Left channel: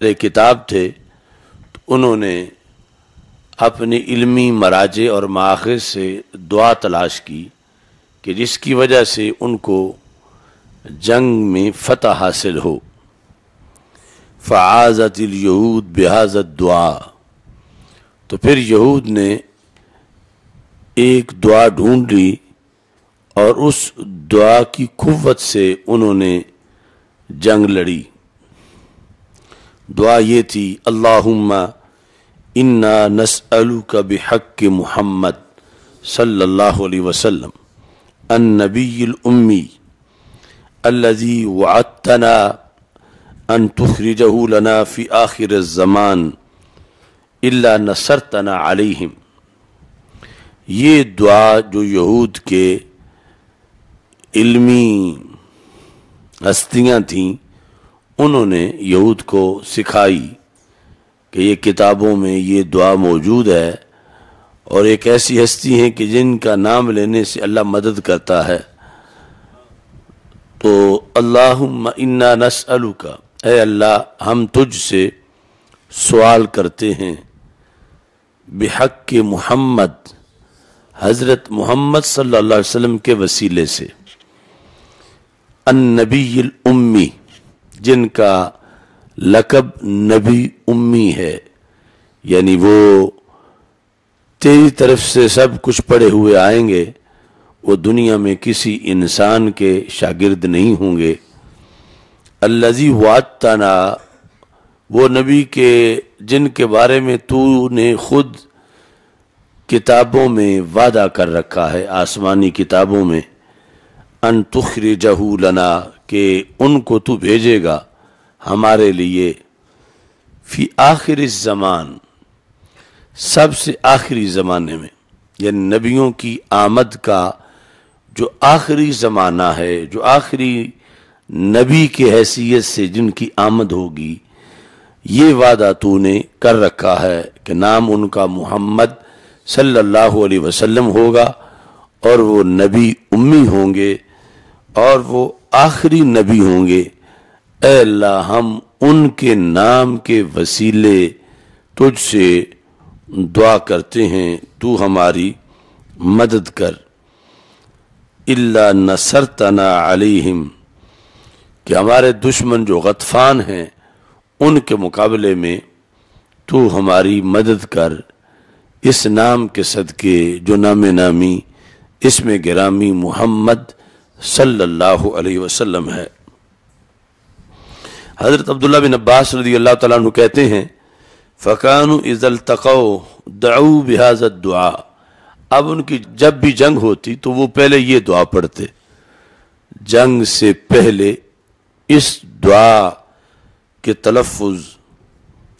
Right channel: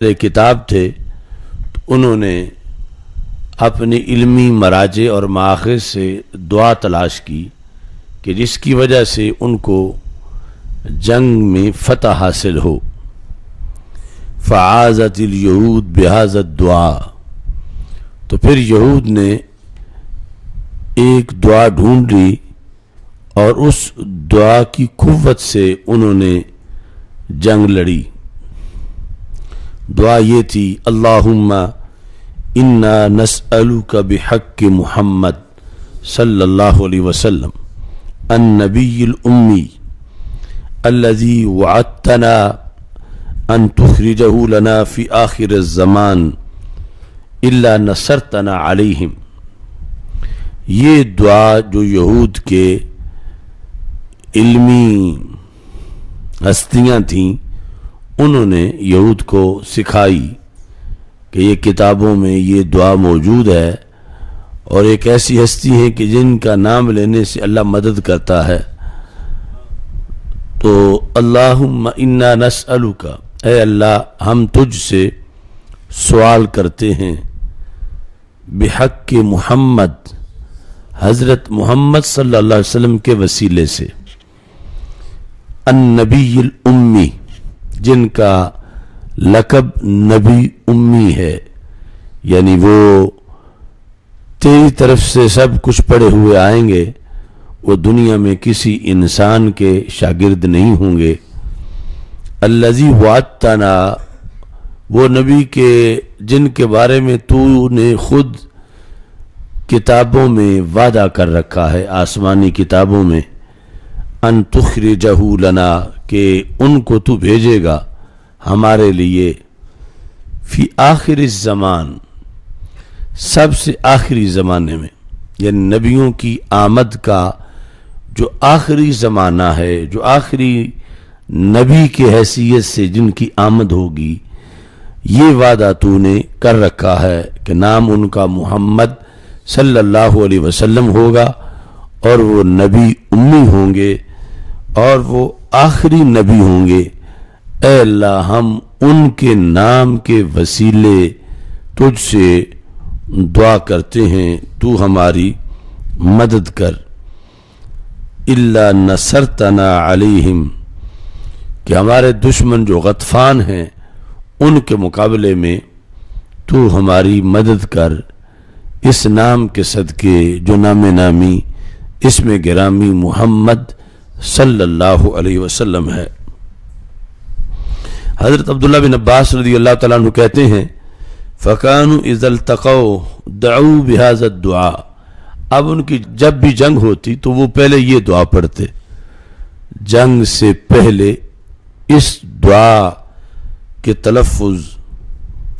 کتاب تھے تو انہوں نے اپنی علمی مراجع اور مآخذ سے دعا تلاش کی کہ جس کی وجہ سے ان کو جنگ میں فتح حاصل ہو۔ فعازت الیہود بہذا الدعاء، تو پھر یہود نے ایک دعا ڈھونڈ لی اور اس دعا کی قوت سے انہوں نے جنگ لڑی۔ دعا یہ تھی، اللہم انا نسألک بحق محمد صلی اللہ علیہ وسلم النبی الامی الذی وعدتنا ان تخرجہ لنا فی آخر الزمان الا نصرتنا علیہم۔ یہ دعا جو یہود کے علمی ہستیاں تھیں انہوں نے یہود کو سکھائی کہ یہ کتابوں میں یہ دعا موجود ہے اور ایک ایسی ہستی ہے کہ جن کا نام لینے سے اللہ مدد کرتا ہے۔ تو اللہم انا نسألک، اے اللہ ہم تجھ سے سوال کرتے ہیں، بحق محمد، حضرت محمد صلی اللہ علیہ وسلم کے وسیلے سے، النبی الامی، جن کا لقب نبی امی ہے، یعنی وہ تیری طرف سے سب کچھ پڑھے ہوئے آئیں گے، وہ دنیا میں کسی انسان کے شاگرد نہیں ہوں گے۔ الذی وعدتنا، وہ نبی کے جن کے بارے میں تو نے خود کتابوں میں وعدہ کر رکھا ہے، آسمانی کتابوں میں، ان تخرجہ لنا، کہ ان کو تو بھیجے گا ہمارے لیے، فی آخر الزمان، سب سے آخری زمانے میں، یعنی نبیوں کی آمد کا جو آخری زمانہ ہے، جو آخری نبی کے حیثیت سے جن کی آمد ہوگی، یہ وعدہ تو نے کر رکھا ہے کہ نام ان کا محمد صلی اللہ علیہ وسلم ہوگا اور وہ نبی امی ہوں گے اور وہ آخری نبی ہوں گے۔ اے اللہ ہم ان کے نام کے وسیلے تجھ سے دعا کرتے ہیں، تو ہماری مدد کر۔ الا نصرتنا علیہم، کہ ہمارے دشمن جو غطفان ہیں ان کے مقابلے میں تو ہماری مدد کر، اس نام کے صدقے جو نام نامی اسم گرامی محمد صلی اللہ علیہ وسلم ہے۔ حضرت عبداللہ بن عباس رضی اللہ تعالیٰ عنہ کہتے ہیں، فَكَانُوا إِذَا الْتَقَوْا دَعُوا بِهَذَا الدُّعَاء، اب ان کی جب بھی جنگ ہوتی تو وہ پہلے یہ دعا پڑھتے، جنگ سے پہلے اس دعا کے تلفظ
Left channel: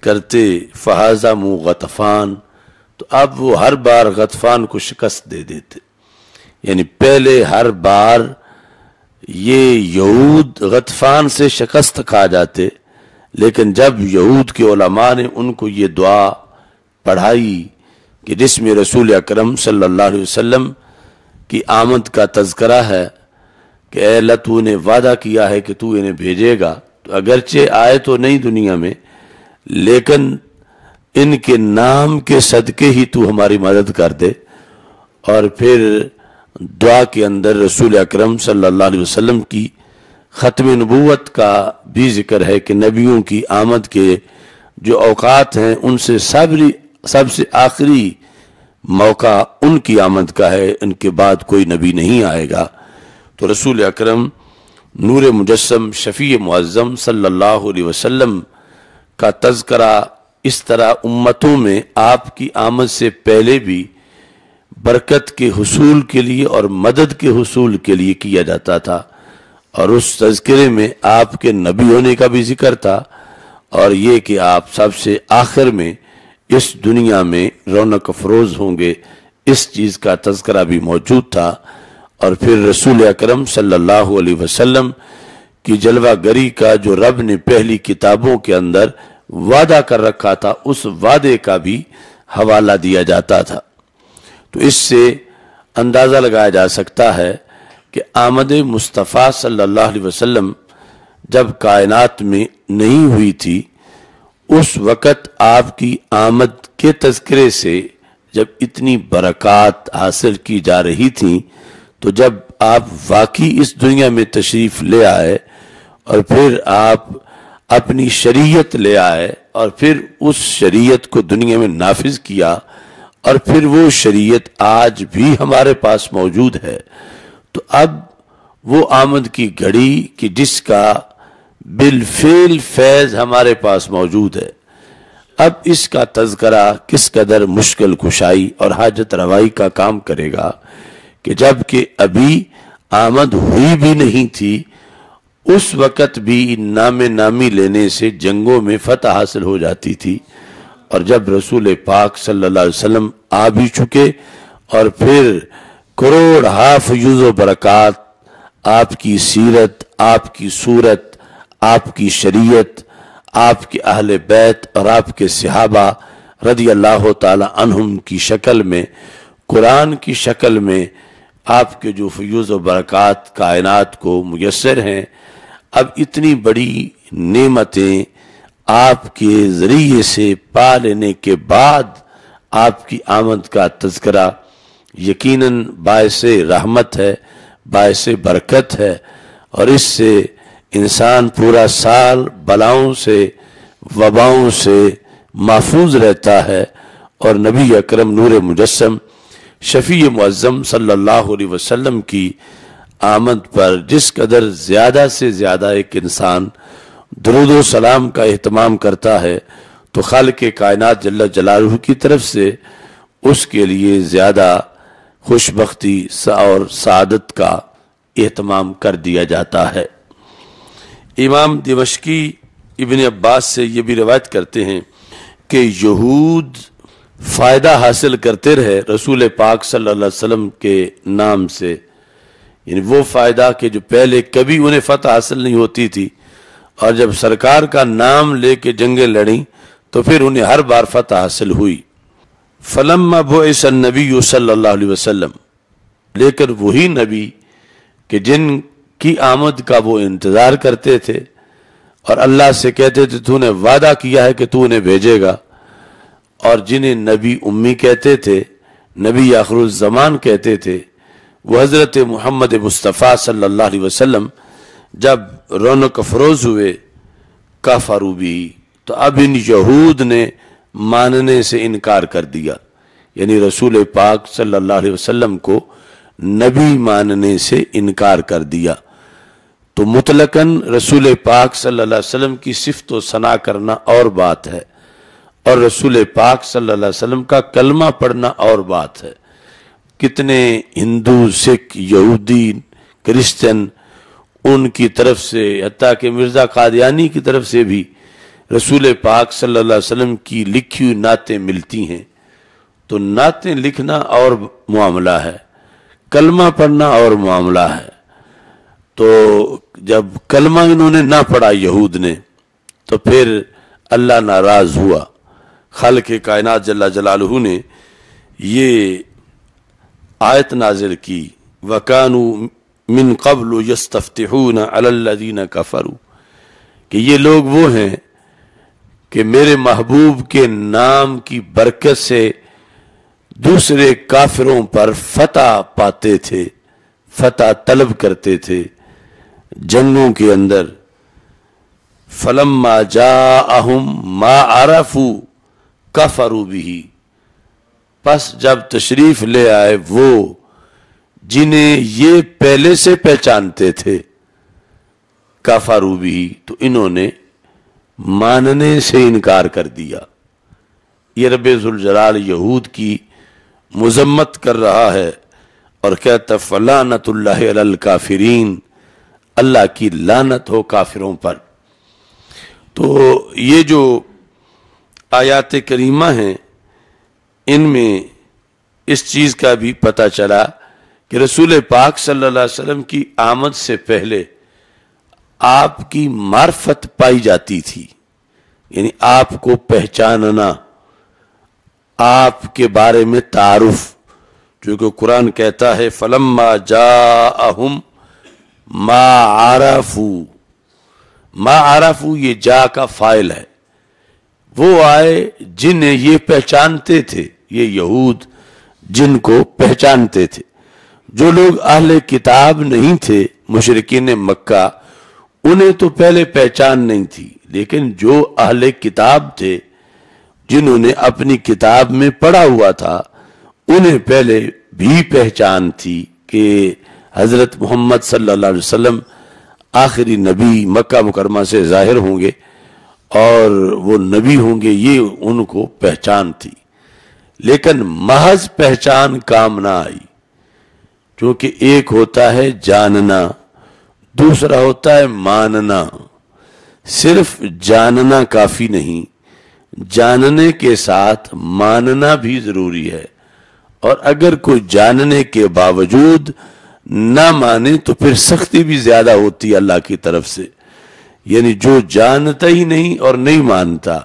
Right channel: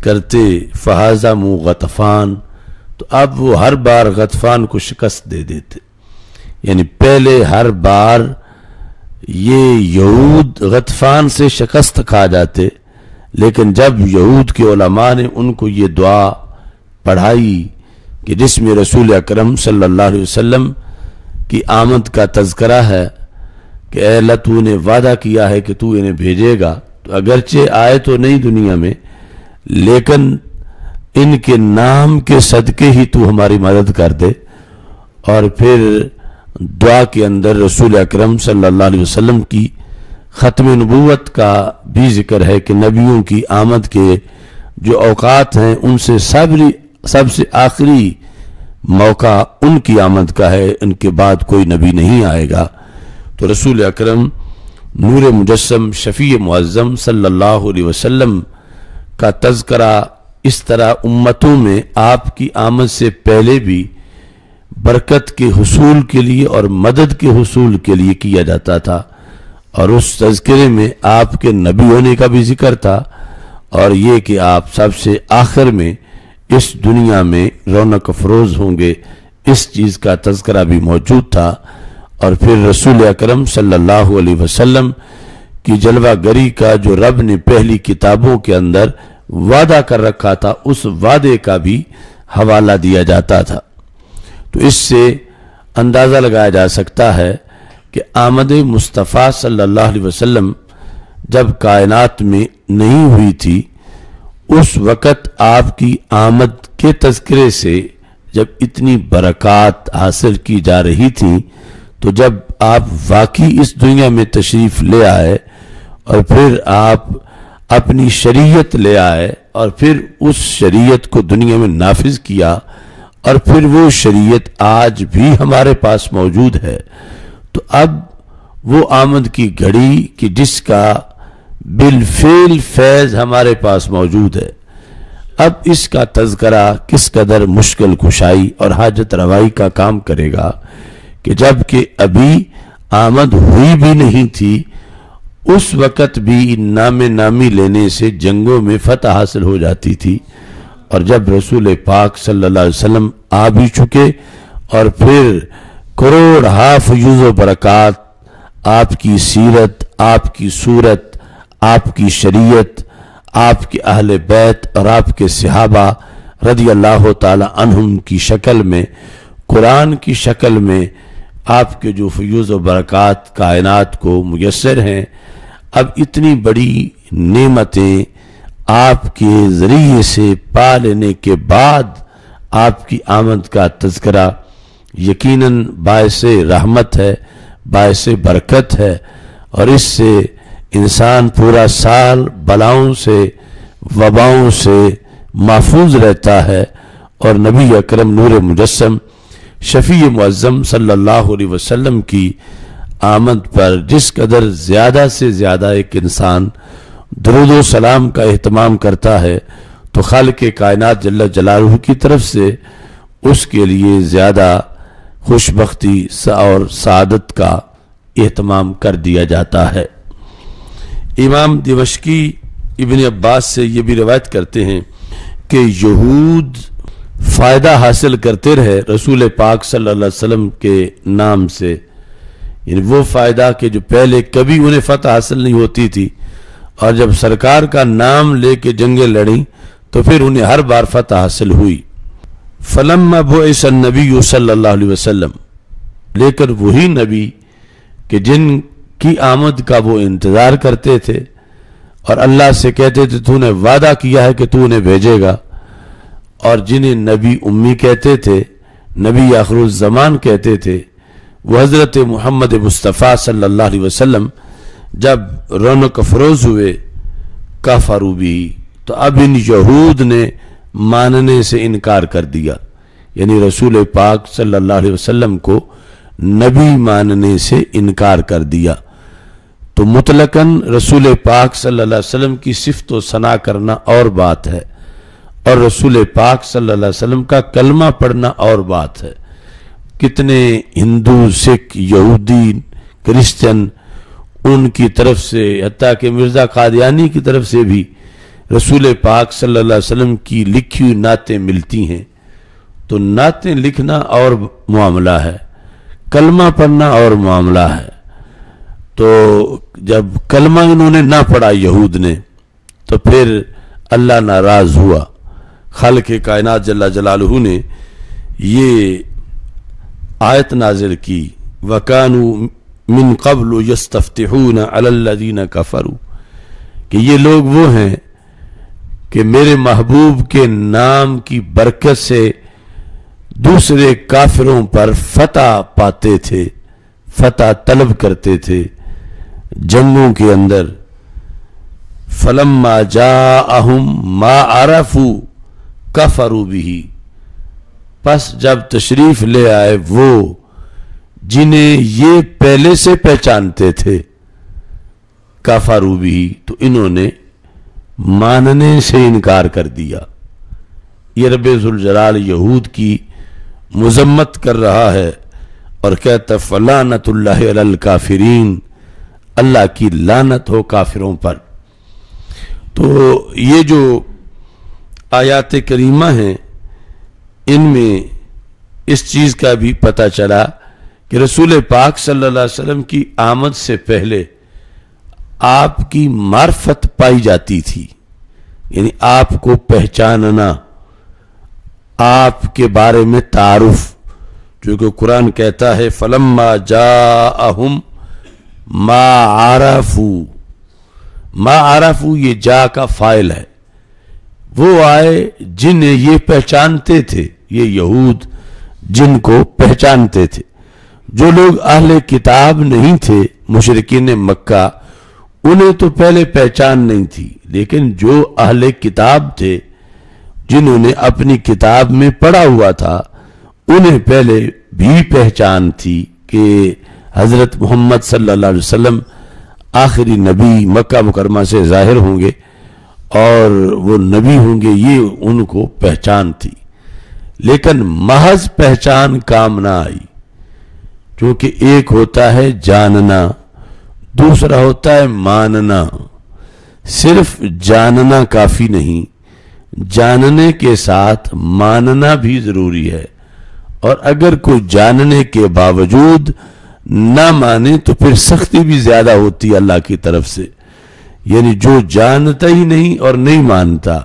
کرتے، فَهَزَمُوا غَطَفَانَ، تو اب وہ ہر بار غطفان کو شکست دے دیتے، یعنی پہلے ہر بار یہ یہود غطفان سے شکست کھا جاتے، لیکن جب یہود کے علماء نے ان کو یہ دعا پڑھائی کہ جس میں رسول اکرم صلی اللہ علیہ وسلم کی آمد کا تذکرہ ہے کہ اے اللہ تو نے وعدہ کیا ہے کہ تو انہیں بھیجے گا، تو اگرچہ آئے تو نہیں دنیا میں، لیکن ان کے نام کے صدقے ہی تو ہماری مدد کر دے۔ اور پھر دعا کے اندر رسول اکرم صلی اللہ علیہ وسلم کی ختم نبوت کا بھی ذکر ہے کہ نبیوں کی آمد کے جو اوقات ہیں ان سے سب سے آخری موقع ان کی آمد کا ہے، ان کے بعد کوئی نبی نہیں آئے گا۔ تو رسول اکرم نور مجسم شفیع معظم صلی اللہ علیہ وسلم کا تذکرہ اس طرح امتوں میں آپ کی آمد سے پہلے بھی برکت کے حصول کے لیے اور مدد کے حصول کے لیے کیا جاتا تھا، اور اس تذکرے میں آپ کے نبی ہونے کا بھی ذکر تھا، اور یہ کہ آپ سب سے آخر میں اس دنیا میں رونق افروز ہوں گے، اس چیز کا تذکرہ بھی موجود تھا۔ اور پھر رسول اکرم صلی اللہ علیہ وسلم کی جلوہ گری کا جو رب نے پہلی کتابوں کے اندر وعدہ کر رکھا تھا، اس وعدے کا بھی حوالہ دیا جاتا تھا۔ تو اس سے اندازہ لگایا جا سکتا ہے کہ آمد مصطفیٰ صلی اللہ علیہ وسلم جب کائنات میں نہیں ہوئی تھی، اس وقت آپ کی آمد کے تذکرے سے جب اتنی برکات حاصل کی جا رہی تھیں، تو جب آپ واقعی اس دنیا میں تشریف لے آئے اور پھر آپ اپنی شریعت لے آئے اور پھر اس شریعت کو دنیا میں نافذ کیا، اور پھر وہ شریعت آج بھی ہمارے پاس موجود ہے، تو اب وہ آمد کی گھڑی کہ جس کا بالفعل فیض ہمارے پاس موجود ہے، اب اس کا تذکرہ کس قدر مشکل کشائی اور حاجت روائی کا کام کرے گا کہ جب کہ ابھی آمد ہوئی بھی نہیں تھی، اس وقت بھی نام نامی لینے سے جنگوں میں فتح حاصل ہو جاتی تھی، اور جب رسول پاک صلی اللہ علیہ وسلم آ بھی چکے اور پھر کروڑ فیوز و برکات، آپ کی سیرت، آپ کی صورت، آپ کی شریعت، آپ کے اہل بیت اور آپ کے صحابہ رضی اللہ تعالی عنہم کی شکل میں، قرآن کی شکل میں آپ کے جو فیوز و برکات کائنات کو میسر ہیں، اب اتنی بڑی نعمتیں آپ کے ذریعے سے پا لینے کے بعد آپ کی آمد کا تذکرہ یقیناً باعث رحمت ہے، باعث برکت ہے، اور اس سے انسان پورا سال بلاؤں سے، وباؤں سے محفوظ رہتا ہے، اور نبی اکرم نور مجسم شفیع معظم صلی اللہ علیہ وسلم کی آمد پر جس قدر زیادہ سے زیادہ ایک انسان درود و سلام کا اہتمام کرتا ہے، تو خالق کائنات جل جلالہ کی طرف سے اس کے لیے زیادہ خوش بختی اور سعادت کا اہتمام کر دیا جاتا ہے۔ امام دمشقی ابن عباس سے یہ بھی روایت کرتے ہیں کہ یہود فائدہ حاصل کرتے رہے رسول پاک صلی اللہ علیہ وسلم کے نام سے، یعنی وہ فائدہ کہ جو پہلے کبھی انہیں فتح حاصل نہیں ہوتی تھی، اور جب سرکار کا نام لے کے جنگیں لڑیں تو پھر انہیں ہر بار فتح حاصل ہوئی۔ فلما بعث النبی صلی اللہ علیہ وسلم، لیکن وہی نبی کہ جن کی آمد کا وہ انتظار کرتے تھے اور اللہ سے کہتے تھے تو نے وعدہ کیا ہے کہ تو انہیں بھیجے گا، اور جنہیں نبی امی کہتے تھے، نبی آخر الزمان کہتے تھے، وہ حضرت محمد مصطفیٰ صلی اللہ علیہ وسلم جب رونق افروز ہوئے کفروا بھی، تو اب ان یہود نے ماننے سے انکار کر دیا، یعنی رسول پاک صلی اللہ علیہ وسلم کو نبی ماننے سے انکار کر دیا۔ تو مطلقاً رسول پاک صلی اللہ علیہ وسلم کی صفت و ثنا کرنا اور بات ہے، اور رسول پاک صلی اللہ علیہ وسلم کا کلمہ پڑھنا اور بات ہے۔ کتنے ہندو، سکھ، یہودی، کرسچن ان کی طرف سے، حتیٰ کہ مرزا قادیانی کی طرف سے بھی رسول پاک صلی اللہ علیہ وسلم کی لکھی ہوئی نعتیں ملتی ہیں، تو نعتیں لکھنا اور معاملہ ہے، کلمہ پڑھنا اور معاملہ ہے۔ تو جب کلمہ انہوں نے نہ پڑھا یہود نے، تو پھر اللہ ناراض ہوا، خالق کائنات جل جلالہ نے یہ آیت نازل کی، وَكَانُوا مِن قَبْلُ يَسْتَفْتِحُونَ عَلَى الَّذِينَ كَفَرُوا، کہ یہ لوگ وہ ہیں کہ میرے محبوب کے نام کی برکت سے دوسرے کافروں پر فتح پاتے تھے، فتح طلب کرتے تھے جنگوں کے اندر۔ فَلَمَّا جَاءَهُمْ مَا عَرَفُوا كَفَرُوا بِهِ، پس جب تشریف لے آئے وہ جنہیں یہ پہلے سے پہچانتے تھے، کفروا بھی، تو انہوں نے ماننے سے انکار کر دیا۔ یہ رب ذوالجلال یہود کی مذمت کر رہا ہے اور کہتا فلعنت اللہ علی الکافرین، اللہ کی لعنت ہو کافروں پر۔ تو یہ جو آیات کریمہ ہیں، ان میں اس چیز کا بھی پتہ چلا کہ رسول پاک صلی اللہ علیہ وسلم کی آمد سے پہلے آپ کی معرفت پائی جاتی تھی، یعنی آپ کو پہچاننا، آپ کے بارے میں تعارف، جو کہ قرآن کہتا ہے فَلَمَّا جَاءَهُمْ مَا عَرَفُوا، ما عرفوا یہ جا کا فائل ہے، وہ آئے جنہیں یہ پہچانتے تھے، یہ یہود جن کو پہچانتے تھے۔ جو لوگ اہل کتاب نہیں تھے، مشرکین مکہ، انہیں تو پہلے پہچان نہیں تھی، لیکن جو اہل کتاب تھے، جنہوں نے اپنی کتاب میں پڑھا ہوا تھا، انہیں پہلے بھی پہچان تھی کہ حضرت محمد صلی اللہ علیہ وسلم آخری نبی مکہ مکرمہ سے ظاہر ہوں گے اور وہ نبی ہوں گے، یہ ان کو پہچان تھی۔ لیکن محض پہچان کام نہ آئی، کیونکہ ایک ہوتا ہے جاننا، دوسرا ہوتا ہے ماننا۔ صرف جاننا کافی نہیں، جاننے کے ساتھ ماننا بھی ضروری ہے، اور اگر کوئی جاننے کے باوجود نہ مانے تو پھر سختی بھی زیادہ ہوتی ہے اللہ کی طرف سے۔ یعنی جو جانتا ہی نہیں اور نہیں مانتا،